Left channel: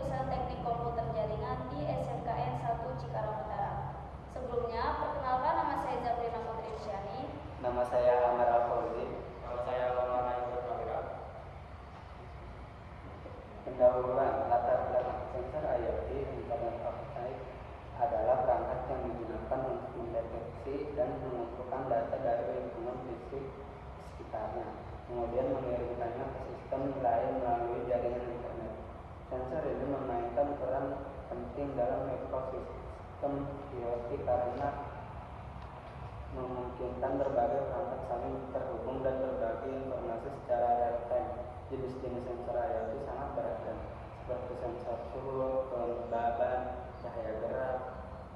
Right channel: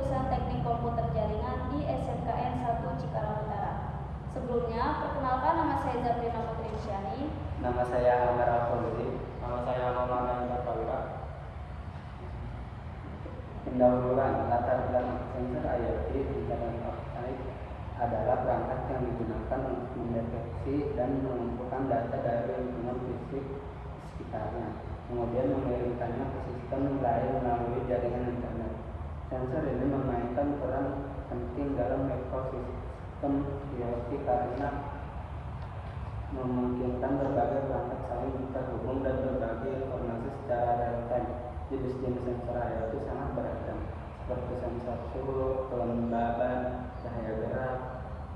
jurusan Teknik Komputer Jaringan di SMKN 1 Cikarang Utara. Sebelumnya, perkenalkan nama saya Zabrina Putri Syahri. Nama saya Amar Alfonzi. Nama saya Maulana Imam Prawira. Pendahuluan latar belakang sensor IoT Internet of Things adalah perangkat yang digunakan untuk mendeteksi dan mengumpulkan data dari lingkungan fisik sekitarnya, kemudian mengirimkannya ke sistem lain melalui jaringan internet. Sensor ini memainkan peran penting dalam ekosistem IoT karena memungkinkan berbagai perangkat saling terhubung dan berbagi informasi secara real-time. Jenis-jenis sensor IoT sangat beragam, seperti sensor suhu, kelembaban, cahaya gerak,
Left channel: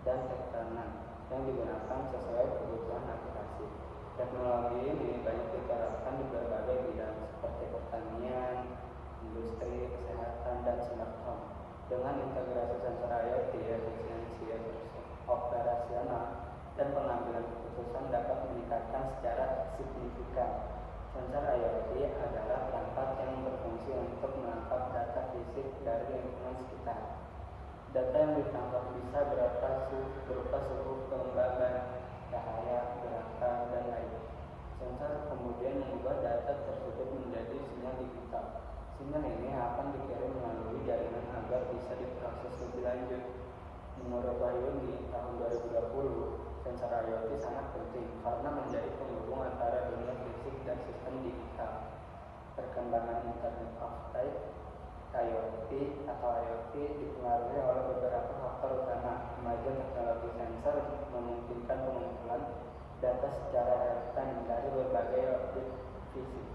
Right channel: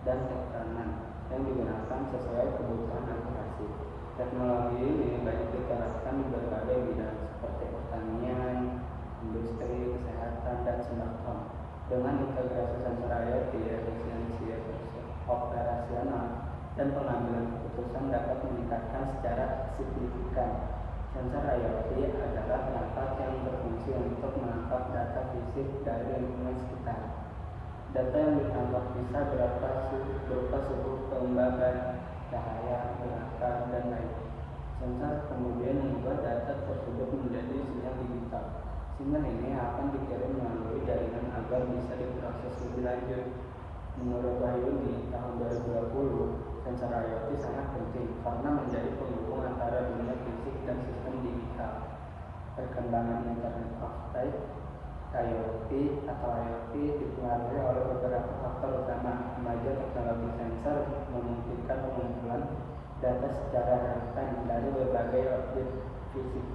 dan tekanan yang digunakan sesuai kebutuhan aplikasi. Teknologi ini banyak diterapkan di berbagai bidang seperti pertanian, industri, kesehatan, dan smart home. Dengan integrasi sensor IoT, efisiensi operasional dan pengambilan keputusan dapat meningkatkan secara signifikan. Sensor IoT adalah perangkat yang berfungsi untuk menangkap data fisik dari lingkungan sekitar. Data yang ditangkap bisa berupa suhu, kelembaban, cahaya, gerakan, dan lain. Sensor kemudian mengubah data tersebut menjadi sinyal digital. Sinyal ini akan dikirim melalui jaringan agar bisa diproses lebih lanjut. Menurut Wahyuni, tahun 2020, sensor IoT sangat penting karena menjadi penghubung antara dunia fisik dan sistem digital. Perkembangan Internet of Things IoT atau IoT dipengaruhi oleh beberapa faktor utama. Kemajuan teknologi sensor memungkinkan pengumpulan data secara real-time dari berbagai objek fisik.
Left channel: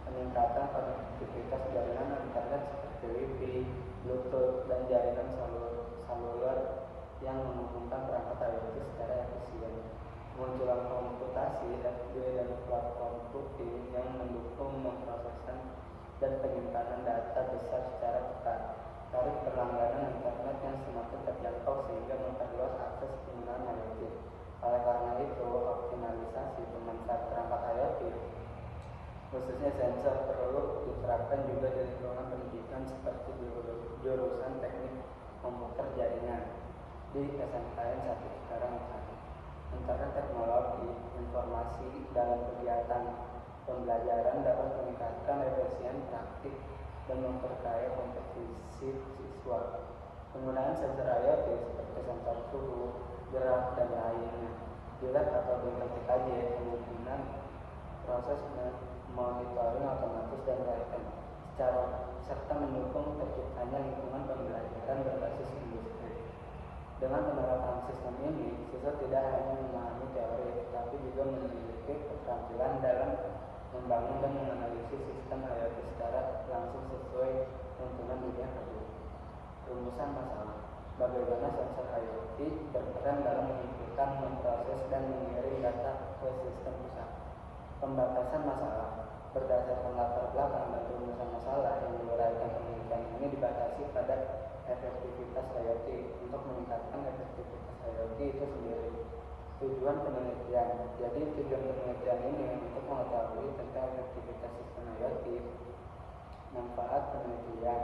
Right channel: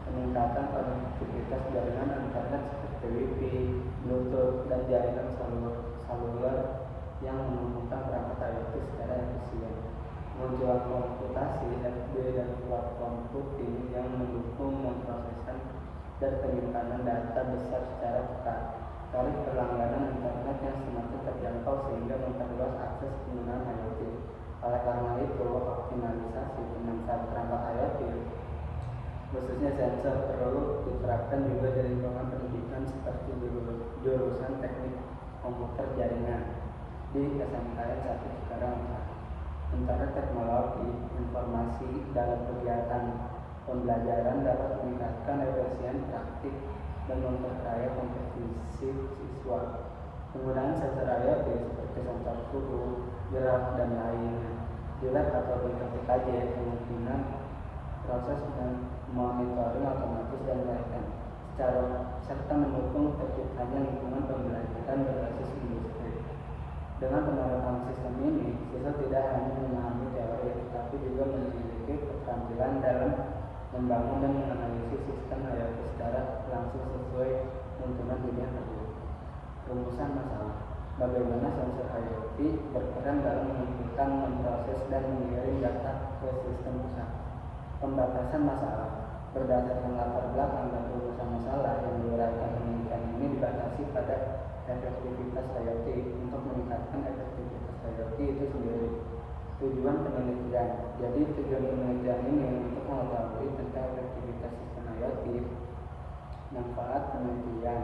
Peningkatan konektivitas jaringan internet seperti Wi-Fi, Bluetooth, dan jaringan seluler yang menghubungkan perangkat IoT secara efisien. Kemunculan komputasi, SD, dan cloud computing yang mendukung memproseskan dan penyimpanan data besar secara cepat. Tarif berlangganan internet yang semakin terjangkau sehingga memperluas akses penggunaan IoT. Oleh karena itu, optimalisasi pemanfaatan perangkat IoT, khususnya sensor, perlu diterapkan juga di lingkungan pendidikan seperti jurusan Teknik Komputer Jaringan di SMKN 1 Cikarang Utara. Sementara teknologi informasi dalam kegiatan pembelajaran dapat meningkatkan efisien praktik dan memperkaya kompetensi siswa. Penggunaan sensor IoT seperti sensor suhu, gerak, dan lainnya di lab atau di TKJ kemungkinan proses monitoring otomatis dan real-time serta mendukung terciptanya lingkungan pembelajaran berbasis industri. Dengan penerapan sistem ini, siswa tidak hanya memahami teori, tetapi juga memiliki keterampilan dalam membangun dan menganalisis sistem IoT secara langsung sesuai tuntunan dunia kerja. Rumusan masalah: bagaimana sensor IoT berperan dalam mengumpulkan, memproses, dan mengirim data ke sistem pusat. Pembatasan masalah: berdasarkan latar belakang dan rumusan masalah yang diuraikan penelitian ini dibatasi pada efektivitas IoT. Untuk meningkatkan efektivitas IoT itu sendiri, tujuan penelitian. Jadi tujuan penelitian ini untuk mengetahui tentang efektivitas sistem IoT. Manfaat penelitian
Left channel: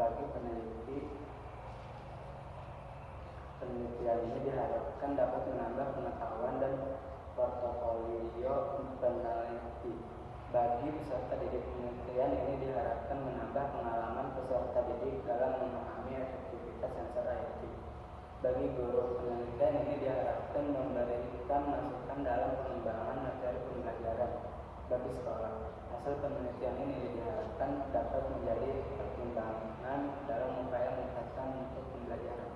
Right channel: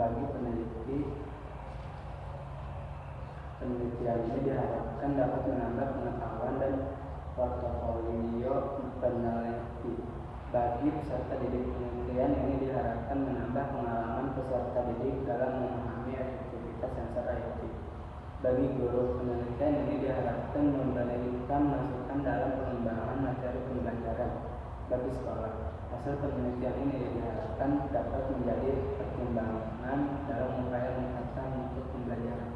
bagi peneliti. Penelitian ini diharapkan dapat menambah pengetahuan dan portofolio peneliti. Bagi peserta didik, penelitian ini diharapkan menambah pengalaman peserta didik dalam memahami efektivitas sensor IoT. Bagi guru, penelitian ini diharapkan memberikan masukan dalam pengembangan materi pembelajaran. Bagi sekolah, hasil penelitian ini diharapkan dapat menjadi pertimbangan dalam upaya meningkatkan mutu pembelajaran.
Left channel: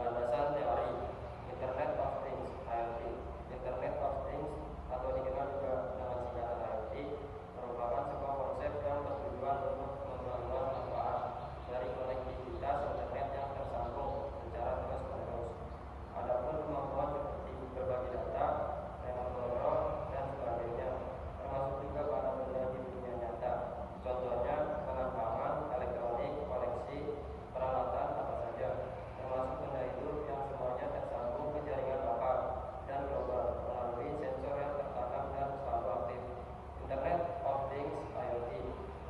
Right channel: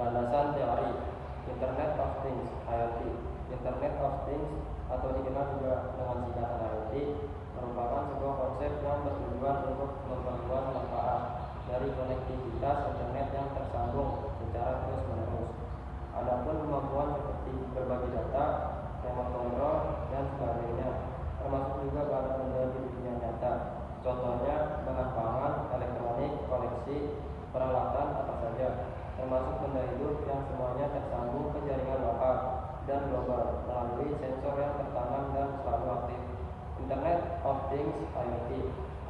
Landasan teori Internet of Things IoT. Internet of Things atau dikenal juga dengan singkatan IoT merupakan sebuah konsep yang bertujuan untuk memperluas manfaat dari konektivitas internet yang tersambung secara terus-menerus. Adapun kemampuan seperti berbagi data, remote control, dan sebagainya, termasuk juga bahan benda di dunia nyata. Contohnya bahan pangan, elektronik, koleksi, peralatan apa saja, termasuk benda hidup yang semuanya tersambung ke jaringan lokal dan global melalui sensor yang tertanam dan selalu aktif. Internet of Things (IoT)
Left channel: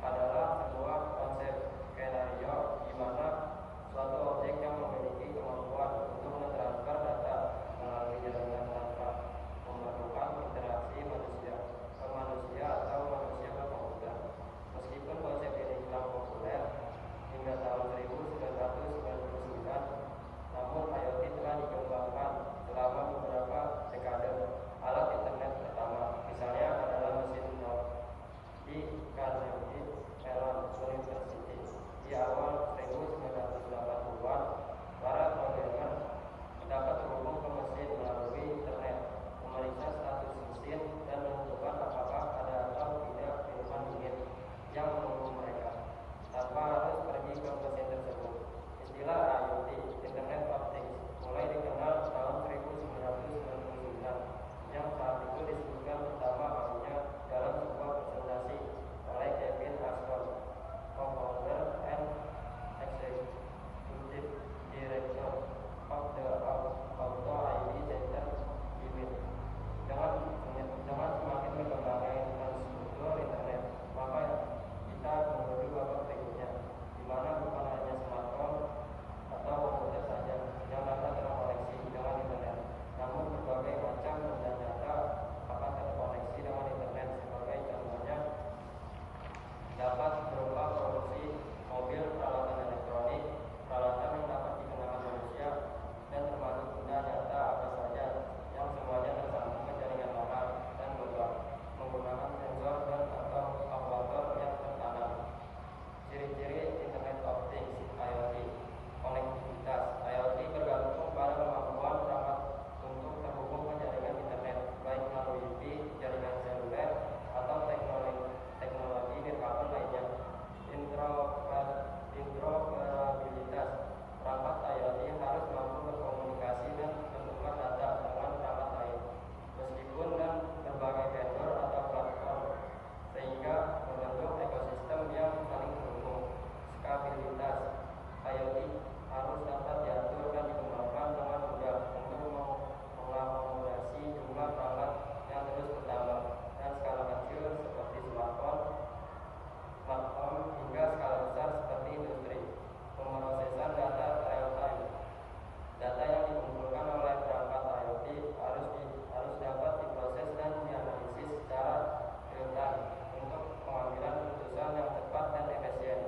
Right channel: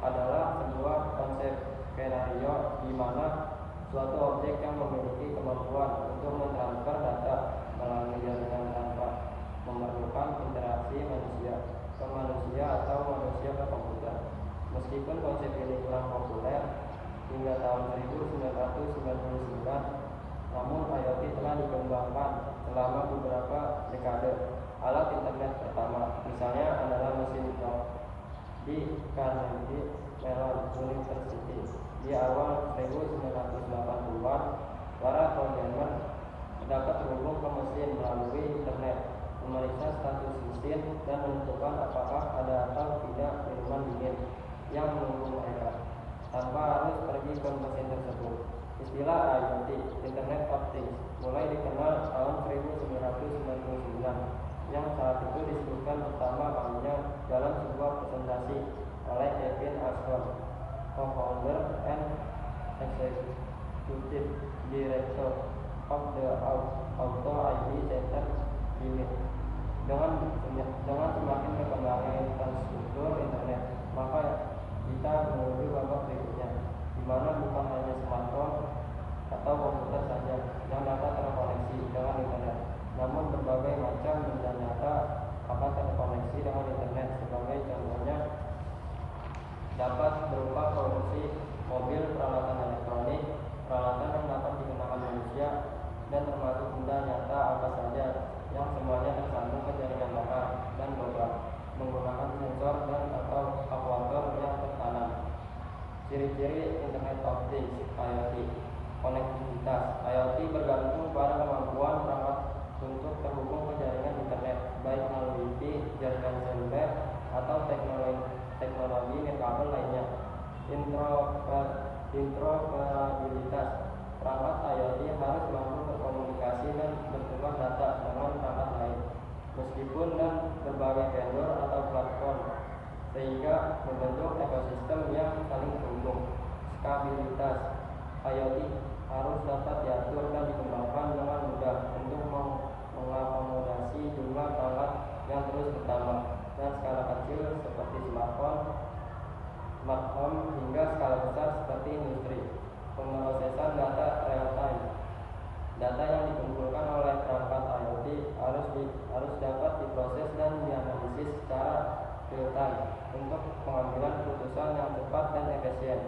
adalah sebuah konsep skenario di mana suatu objek yang memiliki kemampuan untuk mentransfer data melalui jaringan tanpa memerlukan interaksi manusia ke manusia atau manusia ke komputer. Meskipun konsep ini kurang populer hingga tahun 1999, namun IoT telah dikembangkan selama beberapa dekade. Alat internet pertama misalnya adalah mesin jok di Carnegie Mellon University. Di awal 1980-an, para programmer dapat terhubung ke mesin melalui internet, memeriksa status mesin, dan menentukan apakah ada atau tidak minuman dingin yang menunggu mereka, tanpa harus pergi ke mesin tersebut. Istilah IoT, Internet of Things, mulai dikenal tahun 1999, yang saat itu disebutkan pertama kalinya dalam sebuah presentasi oleh Kevin Ashton, co-founder and executive director of the Auto ID Center Unit. Dengan semakin berkembangnya infrastruktur internet, maka kita menuju babak berikutnya, di mana bukan hanya smartphone atau komputer saja yang dapat terkoneksi dengan internet, namun berbagai macam benda nyata akan terkoneksi dengan internet. Sebagai contohnya dapat berupa produksi mobil, peralatan elektronik, peralatan yang dapat digunakan manusia, dan termasuk benda nyata apa saja yang semuanya tersambung ke jaringan lokal dan global menggunakan sensor dan atau aktuator yang tertanam. Ciri-ciri Internet of Things (IoT). Konektivitas. IoT bergantung pada kemampuan perangkat untuk terhubung ke jaringan internet, baik melalui Wi-Fi, jaringan seluler, atau teknologi nirkabel lainnya. Interoperabilitas. Perangkat IoT harus mampu berkomunikasi dan bertukar data dengan perangkat lain, meskipun dan berbagai vendor atau platform, sehingga membentuk ekosistem yang saling terhubung. Skabilitas. IoT harus dapat diatur dan dikembangkan dengan mudah untuk mengakomodasi jumlah perangkat yang terus bertambah dan skala kecil seperti smartphone, smart home, hingga skala besar seperti industri. Pemrosesan data real time. Data yang dikumpulkan oleh perangkat IoT harus dapat diproses dan dianalisis secara real time untuk pengambilan keputusan yang cepat dan efisien.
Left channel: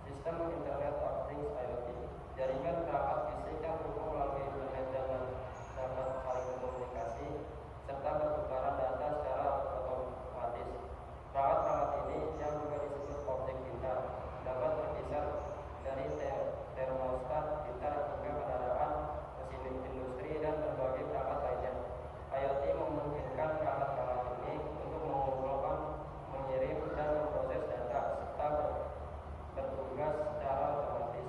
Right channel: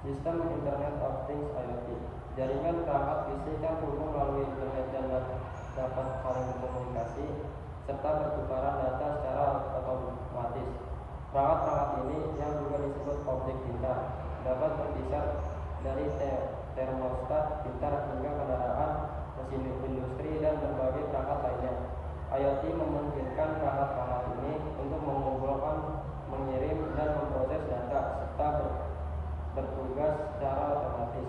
Sistem Internet of Things (IoT). Jaringan perangkat fisik yang terhubung melalui internet dan dapat saling berkomunikasi serta pertukaran data secara otomatis. Perangkat-perangkat ini, yang juga disebut objek pintar, dapat berkisar dari termostat pintar hingga kendaraan, mesin industri, dan berbagai perangkat lainnya. IoT memungkinkan perangkat-perangkat ini untuk mengumpulkan, mengirim, dan memproses data serta bertugas secara otomatis.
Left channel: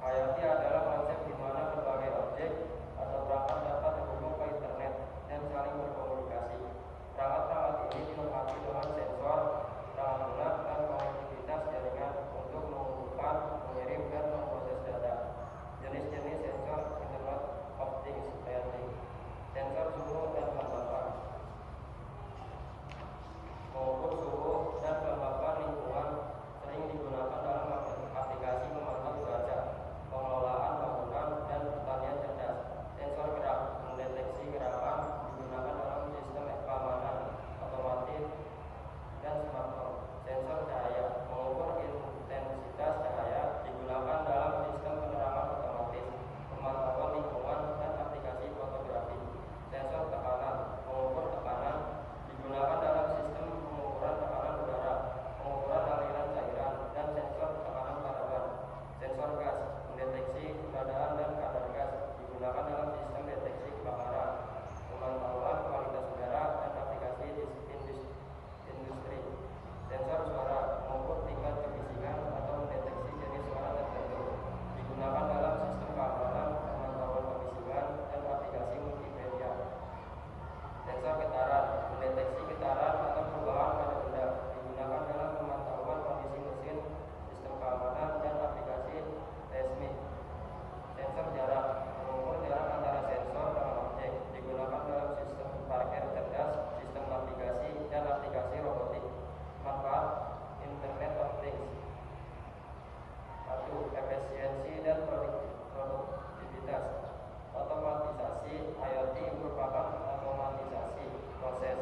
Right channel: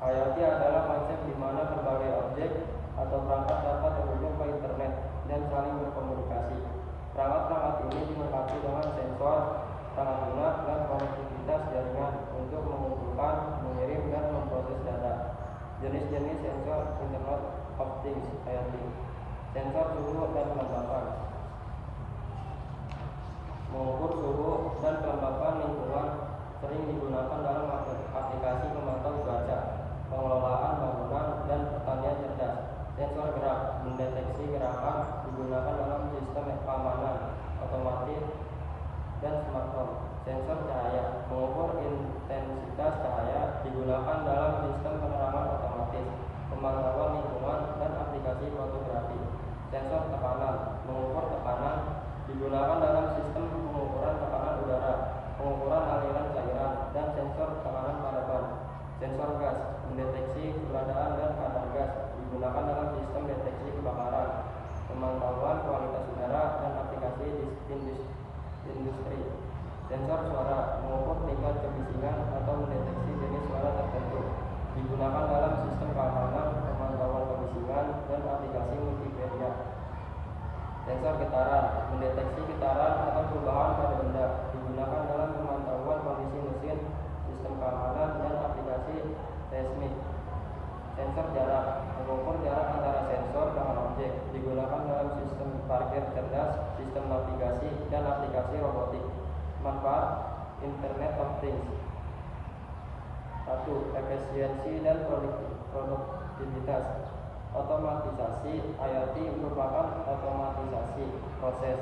IoT adalah konsep di mana berbagai objek atau perangkat dapat terhubung ke internet dan saling berkomunikasi. Perangkat-perangkat ini dilengkapi dengan sensor, perangkat lunak, dan konektivitas jaringan untuk mengumpulkan, mengirim, dan memproses data. Jenis-jenis sensor Internet of Things (IoT). Sensor suhu dan kelembapan. Mengukur suhu dan kelembapan lingkungan sering digunakan dalam aplikasi pemantau cuaca, pengelolaan bangunan, dan pertanian cerdas. Sensor gerak mendeteksi gerakan digunakan dalam sistem keamanan otomatis dan smartphone. Sensor cahaya mengukur intensitas cahaya digunakan dalam sistem penerangan otomatis, pemantauan lingkungan, dan aplikasi fotografi. Sensor tekanan mengukur tekanan digunakan dalam sistem pengukuran tekanan udara, pengukuran aliran cairan, dan sensor tekanan pada ban. Sensor gas mendeteksi keberadaan dan kadar gas digunakan dalam sistem deteksi kebakaran, pemantauan kualitas udara, dan aplikasi industri. Sensor suara mengukur tingkat kebisingan atau mendeteksi jenis suara tertentu digunakan dalam sistem keamanan, pemantauan kebisingan, dan aplikasi multimedia. Sensor getaran mendeteksi getaran atau perubahan pada benda digunakan dalam pemantauan kondisi mesin, sistem keamanan, dan aplikasi seismik. Sensor jarak mengukur jarak antara sensor dengan objek, digunakan dalam sistem parkir cerdas, sistem navigasi, dan aplikasi robotik. Manfaat Internet of Things. 1. Efisiensi dan produktivitas. Otomatisasi. IoT merupakan otomatisasi proses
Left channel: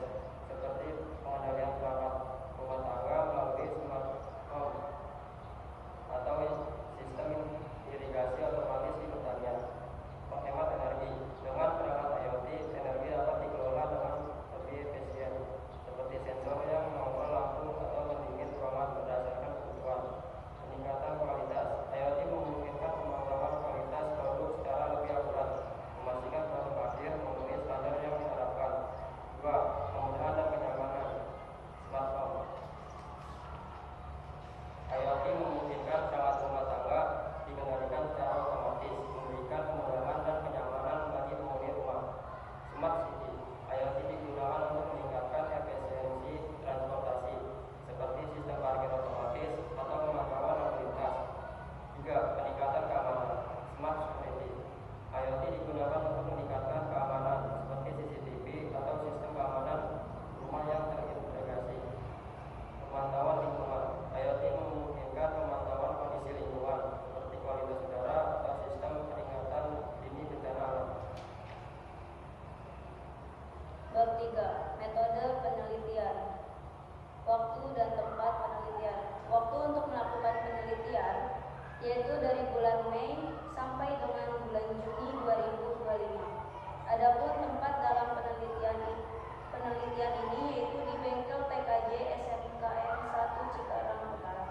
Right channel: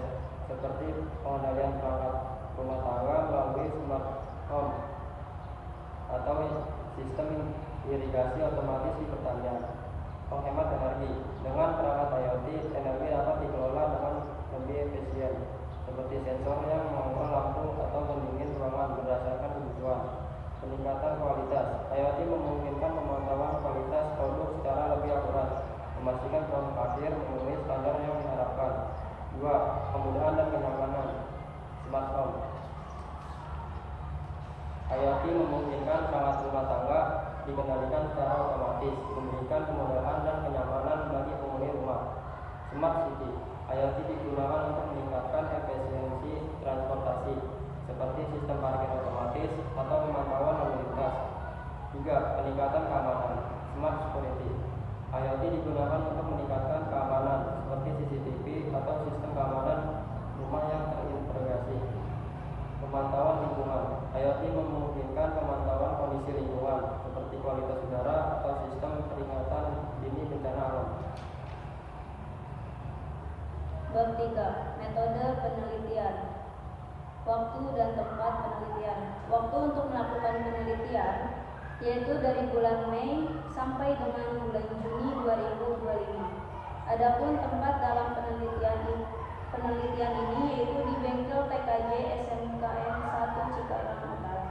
seperti pengendalian perangkat rumah tangga melalui smart home atau sistem irigasi otomatis di pertanian. Penghemat energi. Dengan perangkat IoT, energi dapat dikelola dengan lebih efisien, seperti sensor yang mengontrol lampu atau pendingin ruangan berdasarkan kebutuhan. Peningkatan kualitas. IoT memungkinkan pemantauan kualitas produk secara lebih akurat, memastikan produk akhir memenuhi standar yang diharapkan. 2. Kemudahan dan kenyamanan. Smart home. IoT memungkinkan perangkat rumah tangga dikendalikan secara otomatis, memberikan kemudahan dan kenyamanan bagi penghuni rumah. Smart city. IoT digunakan untuk meningkatkan efisiensi transportasi, seperti sistem parkir otomatis atau pemantauan lalu lintas. 3. Peningkatan keamanan. Smart security. IoT digunakan untuk meningkatkan keamanan, seperti CCTV atau sistem keamanan rumah yang terintegrasi. Pemantauan lingkungan. IoT memungkinkan pemantauan kondisi lingkungan, seperti kualitas udara atau sistem peringatan dini bencana alam. Bab 3. Metode penelitian. Waktu dan tempat penelitian. Waktu untuk melakukan penelitian yaitu dari bulan Mei sampai dengan bulan Juni 2025. Adapun tempat dalam penelitian ini yaitu di bengkel TKJ SMKN 1 Cikarang Utara.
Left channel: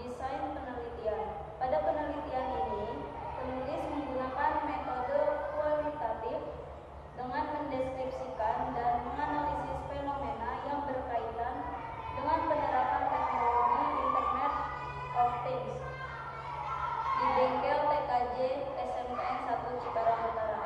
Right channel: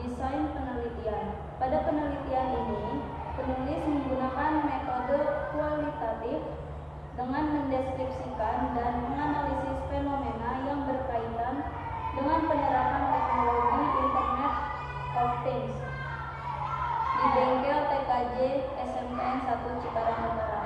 Desain penelitian. Pada penelitian ini, penulis menggunakan metode kualitatif dengan mendeskripsikan dan menganalisis fenomena yang berkaitan dengan penerapan teknologi Internet of Things di bengkel TKJ SMKN 1 Cikarang Utara.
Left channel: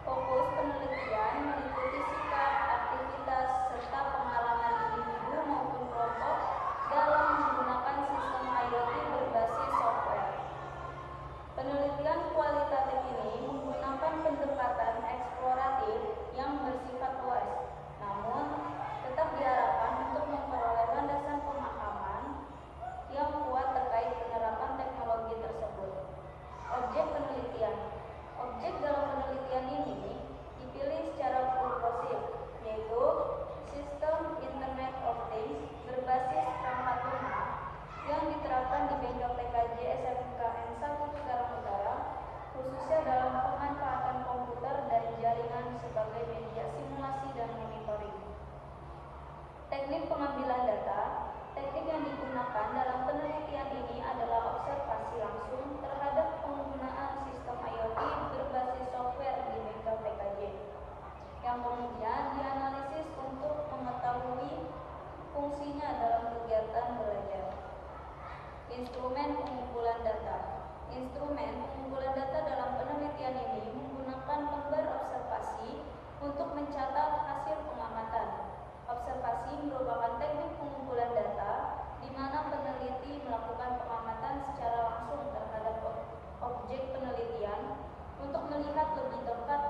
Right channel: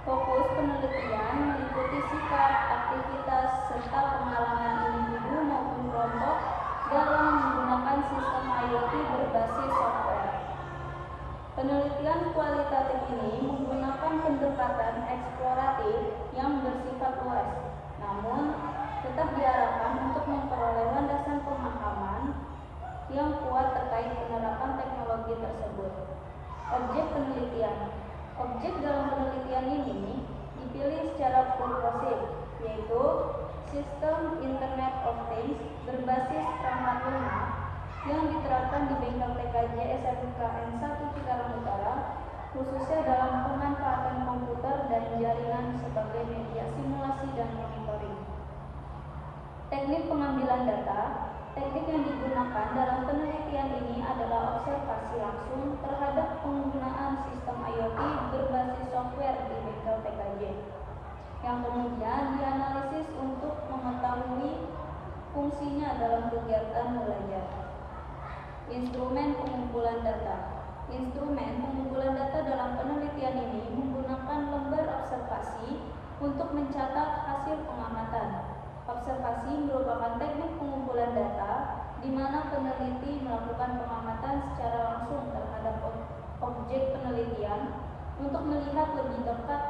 Fokus penelitian meliputi sikap, aktivitas, serta pengalaman individu maupun kelompok dalam menggunakan sistem IoT berbasis software. Penelitian kualitatif ini menggunakan pendekatan eksploratif yang bersifat luas, namun tetap diharapkan untuk memperoleh landasan pemahaman yang kuat terkait penerapan teknologi tersebut. Objek penelitian. Objek dalam penelitian ini dipilih secara purposif, yaitu sistem Internet of Things berbasis perangkat lunak yang diterapkan di bengkel TKJ SMKN 1 Cikarang Utara, khususnya dalam pemanfaatan komputer dan jaringan sebagai media simulasi dan monitoring. Teknik pengambilan data. Teknik yang digunakan dalam penelitian ini adalah observasi langsung terhadap penggunaan sistem IoT berbasis software di bengkel TKJ, yang kemudian dianalisis untuk mengetahui fungsinya dalam kegiatan belajar. Instrumen pengumpulan data. Instrumen pengumpulan data dalam penelitian ini menggunakan lembar observasi untuk mencatat hasil pengamatan. Observasi merupakan teknik pengumpulan data di mana peneliti melakukan pengamatan secara langsung terhadap objek penelitian untuk melihat lebih dekat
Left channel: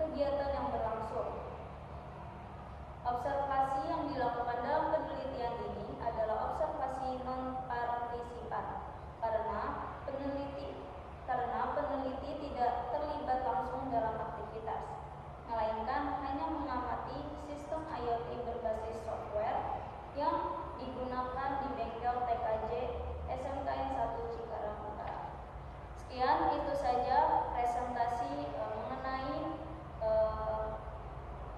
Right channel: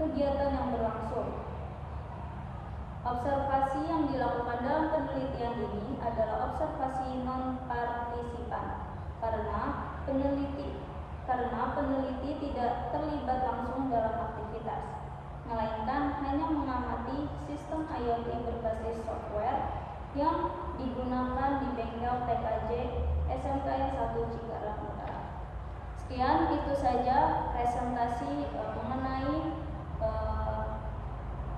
kegiatan yang berlangsung. Observasi yang dilakukan dalam penelitian ini adalah observasi non-partisipan karena peneliti tidak terlibat langsung dalam aktivitas, melainkan hanya mengamati sistem IoT berbasis software yang digunakan di bengkel TKJ SMKN 1 Cikarang Utara. Sekian, itu saja presentasi mengenai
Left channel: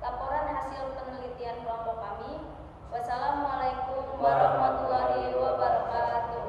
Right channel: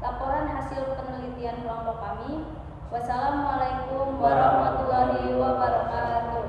laporan hasil penelitian kelompok kami. Wassalamualaikum warahmatullahi wabarakatuh.